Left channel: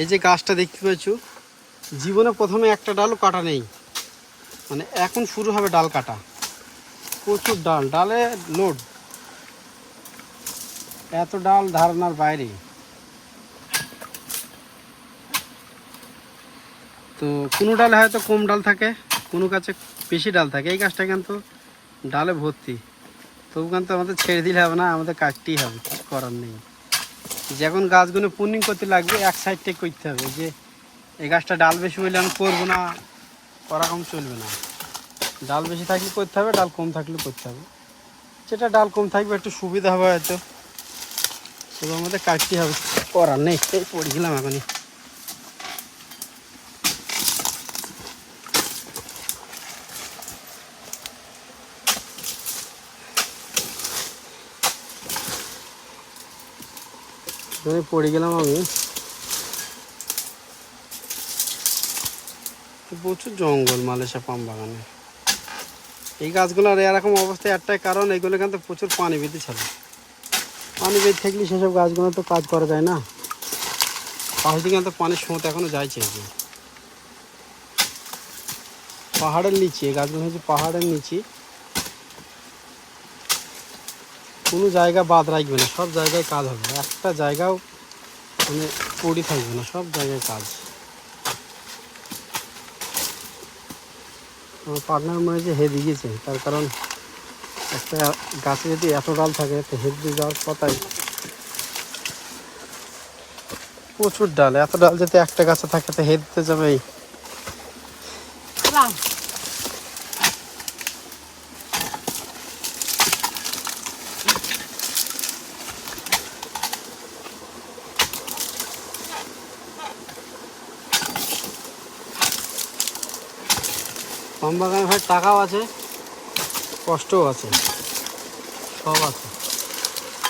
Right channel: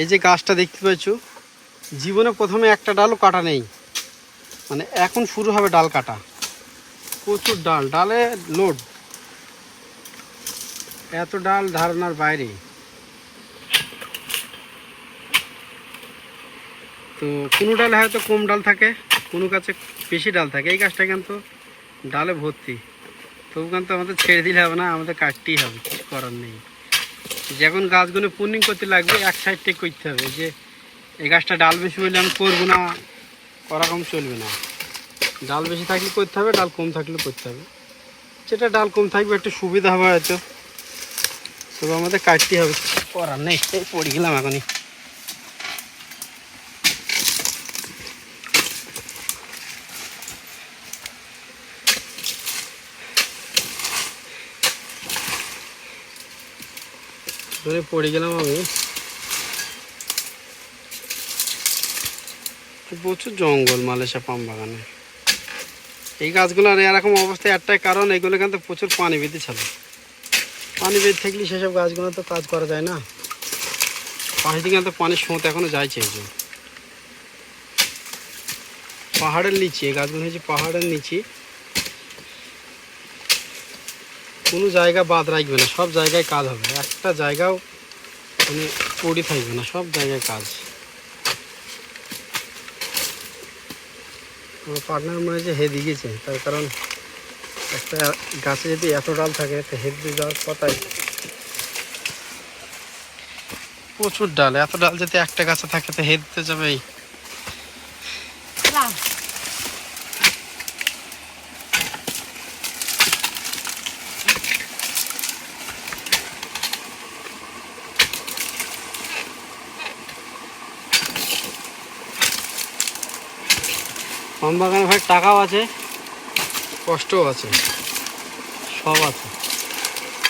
এই যে গাছটা দেখতে পাচ্ছ জীবনে প্রথমে একটা ডালও কাটা নেই। মানে এখন শুরু হবে ডাল কাটা। প্রচুর ডাল, ডালে লোড। এত ডাল ধারণার বাইরে। তো কোনো ডালে হয়তো কম ডাল থাকে, কোনো গাছে বেশি ডাল থাকে। এই গাছটা কিন্তু ডালে ভর্তি। তবু কিন্তু আমাদের ছেড়ে দিলে হবে না, আমাদের কাটতেই হবে, কিছু করার নেই। যখন গাছগুলো পুনিং করতে লাগবে, এক সাইড থেকে করতে হবে। যে এই গাছটা ডাল বেশি হইলে আমি করব না, করা কম চলবে না। ডাল বেশি থাকলে করতে হবে, ডাল কম থাকলে করতে হবে। যেটা ডাল কম থাকবে, একটু সুবিধা হবে হয়তো। শুধু আমাদের কাটতে হবে। করার নেই পড়ে গেলাম এখনই। এখানে পড়ে গেলাম আমি। প্রচুর জঙ্গল মালেশা পাম বাগানে। এই গাছগুলোর এরকম অবস্থায় একটাই কারণ, এগুলো কিন্তু প্রচুর পানি বেঁধে ছিল পানি বেঁধে থাকলে সেসব গাছগুলো তো কাজ করা যায় না। পাশে দিকে কিন্তু পানির স্রোত এখনও যাইছে এই যে। পাহাড়ের নিচে গাছগুলো হচ্ছে পাহাড়ের নিচে। কোনো জায়গা বাদ রাখবে না, সব জায়গায় কাজ হবে। একটা জায়গাও মানে পড়ে থাকবে না, সব জায়গায় কাজ। আমার পার্টনার মনে হচ্ছে হেদ গিয়েছে, তার কারণ একটা গাছে যদি এত ডাল থাকে, তো হেদ দিয়ে যাওয়ার কথাই। প্রচুর ডাল, এত ডাল যদি একটা গাছে থাকে, তো হেদ দিতে যাবেই। পাম বাগানে ভাই টাকাও আছে কষ্টও আছে সব আছে।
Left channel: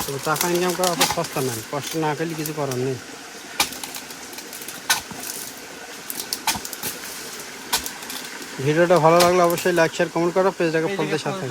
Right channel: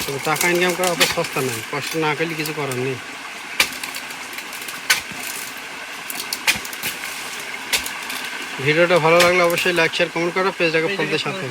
তবে টাকা ইনকাম করা অত সস্তা নয় কষ্ট না করলে কিছু করার নেই। ভিডিওটা ভালো লাগলে অবশ্যই লাইক শেয়ার কমেন্ট করো পেজটাকে ফলতে সাথে